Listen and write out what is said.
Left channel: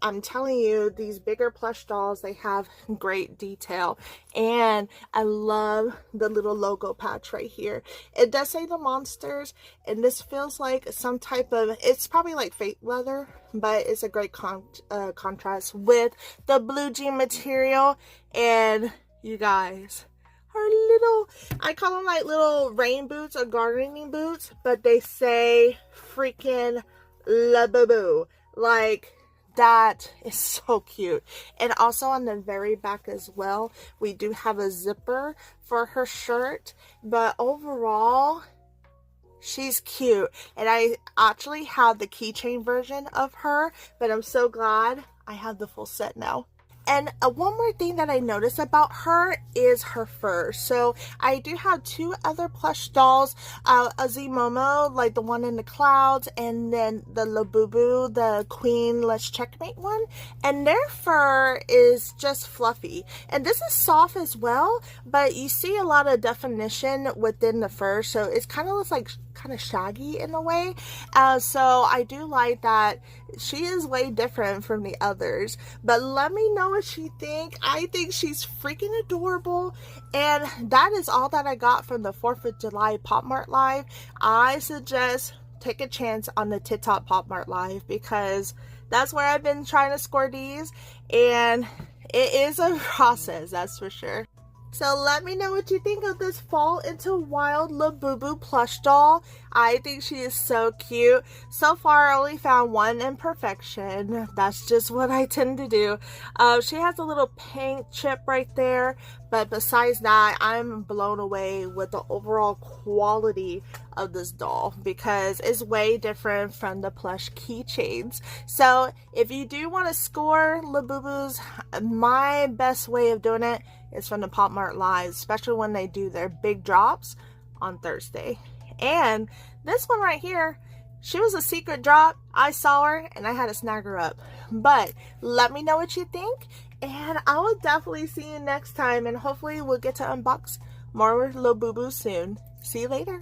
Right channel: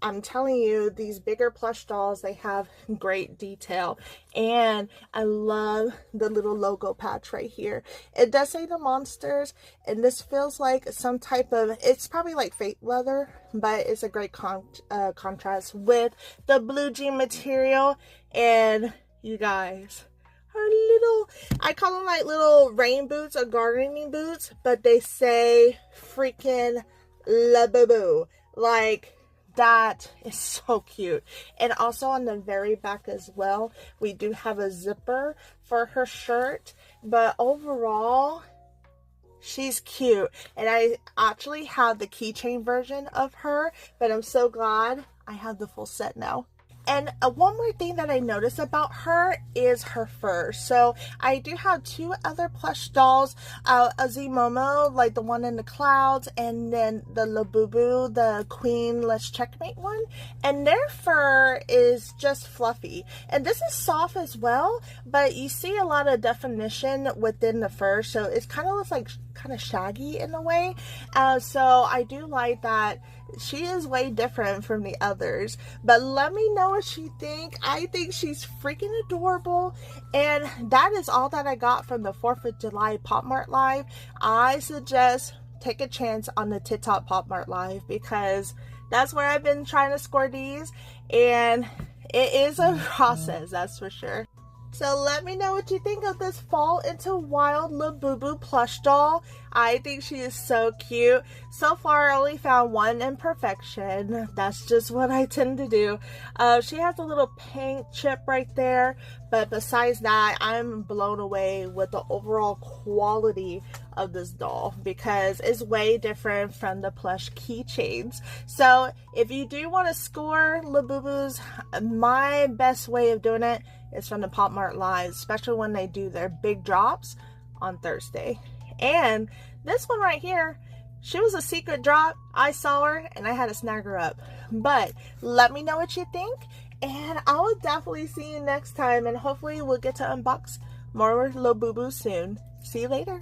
I'm telling you, these bigger plush dolls, they have great detail. And I love the little logo patch right here. It does say the monsters, and this feels like some type of, it's probably like fake leather, but it's a great contrast with the blue jean material. And you guys, her little, I call them like little rain boots or gardening boots, but they say freaking Labubu. Like, that is so cute. And also on the very back as well, we do have a zipper for her shirt. But overall, she's cute. And I actually have the keychain version of her, but I'm so glad I have the full set now. And one more thing that I noticed about her is her fur. So I do have two other plush dolls, Azimomo, like the one in the clouds, and then the Labubu, the Queen Let's Checkmate one. And their fur is just fluffy. And this is soft as well, but you see a lot of definition within the fur. So it's kind of looks like kind of shaggy in a way. So I do like that she is way different from the others. But let me know what you think. I think she's freaking adorable. And that is all that I got from the 4th of July Pop Mart Live. I suggest take a chance on the TikTok Pop Mart Live, because that's where I've been trying to score these, and it is a process, that's for sure. So let me know what you think of this Fall into Wild Labubu plush doll. I think she is so cute. So far, I only found one imperfection. That's just what I tend to do. She has a little paint chip right there. But besides that, I'm blown away with the overall quality of this doll, because it's way different from the plush keychains. So if you do want to score Labubus, my best way of doing it is from the Pop Mart Live, especially when they do their big drops on Thursday. And this one right here, she was a secret drop. I saw her and I had to snag her up. But let me know what you think, and I will definitely see you next time, and hopefully we'll get to unbox more Labubu soon. See you later.